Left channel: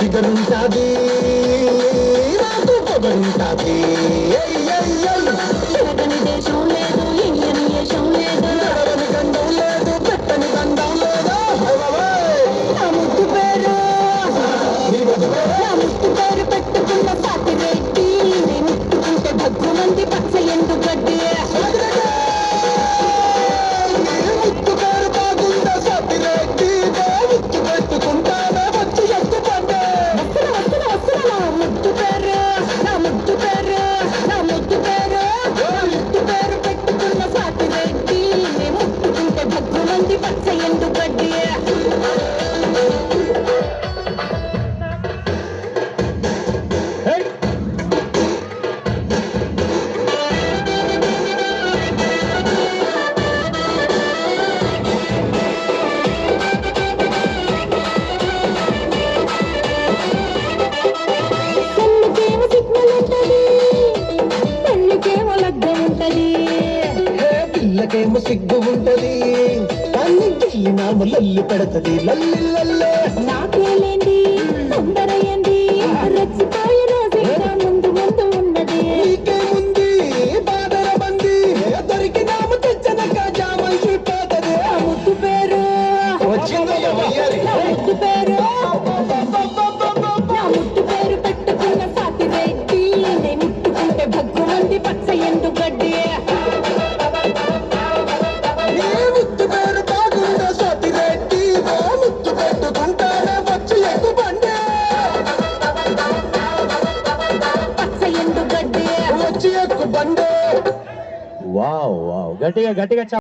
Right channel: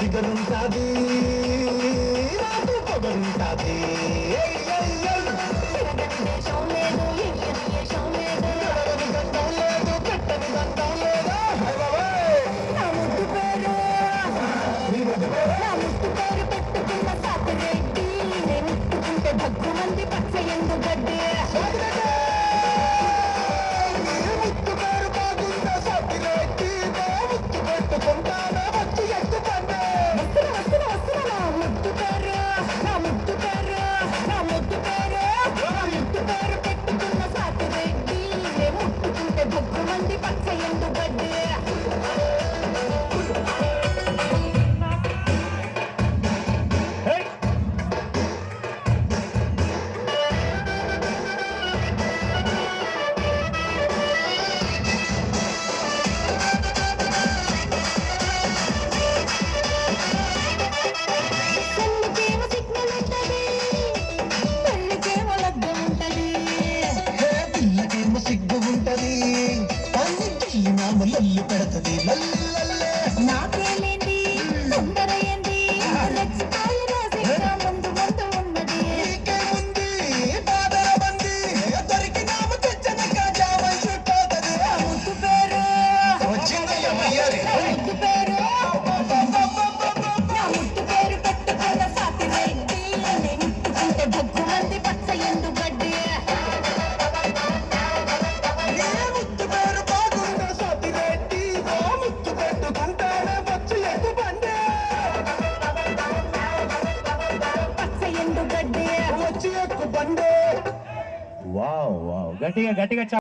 ఫిగరుంటాది నాకు పొగరుంటాది తిరగని దేశం లేదు ఇండియన్ దేశం లేదు గడవని గండం లేదు పెట్టని గండం లేదు నా ముద్దు పేరు పెట్టుకున్న సాటి రెడ్డి నేను ముట్టుకుంటే భగ్గు మంది పచ్చ ఎందు గడ్డి ముద్దు పేరు బాగుందా సాటి రెడ్డి ముద్దు పెట్టుకుంటానే వచ్చి ఎత్తు పండే పెట్టుకున్న సాటి రెడ్డి నేను ముట్టుకుంటే భగ్గు మంది పచ్చ ఎందు గడ్డి పిల్లకేమో సిగ్గు ఉంటది కానీ గిల్లినాము లల్లి పెడతది లల్లి లల్లే నాకేలేండి తొందర ఏంది రెచ్చిపోయి రోజు ముందు ముందు ఉన్నది నీకేముంది బాధల మంది దొరికినాము తెచ్చనక జామైపోతది ముద్దు పేరు వచ్చిందయ్య మయ్యారి ముద్దు పేరు ముద్దు పేరు పెట్టుకున్న సాటి రెడ్డి నేను ముట్టుకుంటే భగ్గు మంది పచ్చ ఎండు గడ్డి వావ్ వావ్ గట్టిగా గట్టిగా